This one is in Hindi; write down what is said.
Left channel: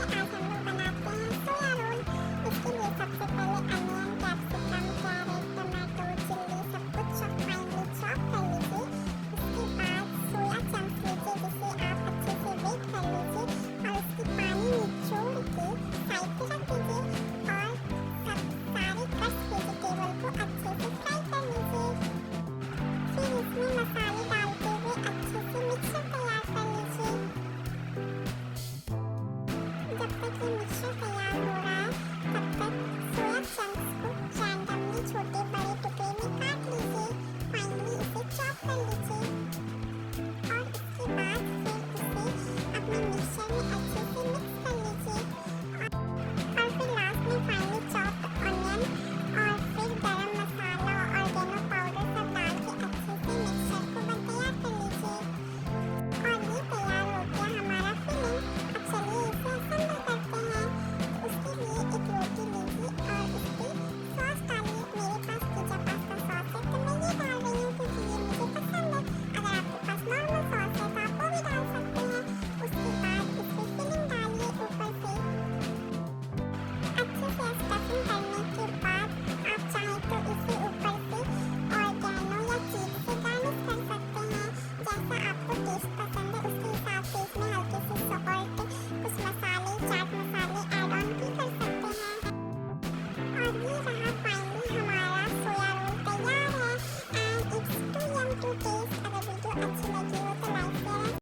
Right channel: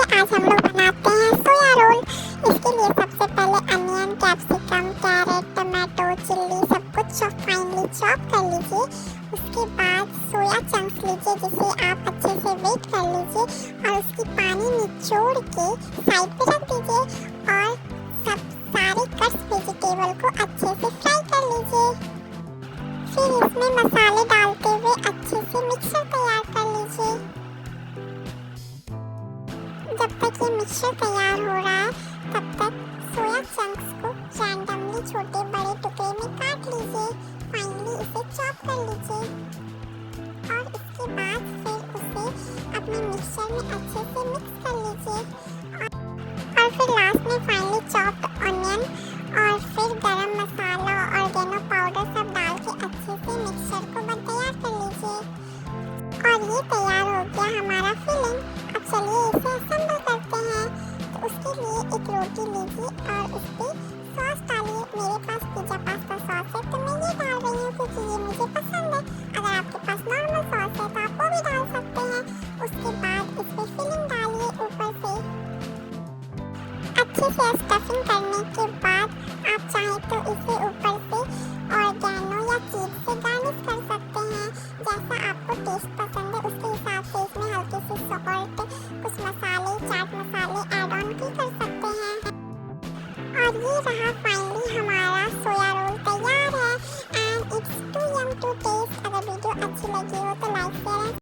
आज हम लोग बनाते हैं सोया रोल। इसके लिए सबसे पहले onion, capsicum, carrot, tomato, chilli सब कुछ फाइनली चॉप कर लीजिए। उसके बाद सोया चंक्स लीजिए जिसे आप अच्छे से वेट कर लीजिए और उसकी पानी निचोड़ के साइड पे रख दीजिए और सब सारे कट्स वेजिटेबल को अच्छे से फ्राई कर लीजिए। फिर इसमें मसाले डालते हुए अच्छे से मिक्सर तैयार कर लीजिए। जब तक ये मिक्सचर तैयार हो रहा है तब तक सोया चंक्स को रैंडमली छोटे बड़े टुकड़े में काट लीजिए। फाइनली इसे चॉप कर लीजिए और इसके बाद फिर उसे अपने मिक्सचर में अच्छे से मिक्स कर लीजिए और फिर लास्ट में फाइनली चॉप्ड ऑनियन और फिर गरम मसाला और ऑर्गेनो पाउडर सब डाल के अच्छे से मिक्सचर को तैयार कर लीजिए और ये तैयार हो गया हमारा फिलिंग। अब चलिए इसे असेंबल करते हैं। तो उसके लिए एक रोटी लीजिए और उस पर सॉस डालिए। मेरे पास पिज़्ज़ा पास्ता सॉस है तो मैं ये डाल रही हूँ क्योंकि ये मुझे पसंद है। अगर आपके पास नॉर्मल सॉस है तो आप वो भी डाल सकते हैं। उसके बाद इस पर फिलिंग डालिए ऊपर से अच्छे से स्टफिंग कर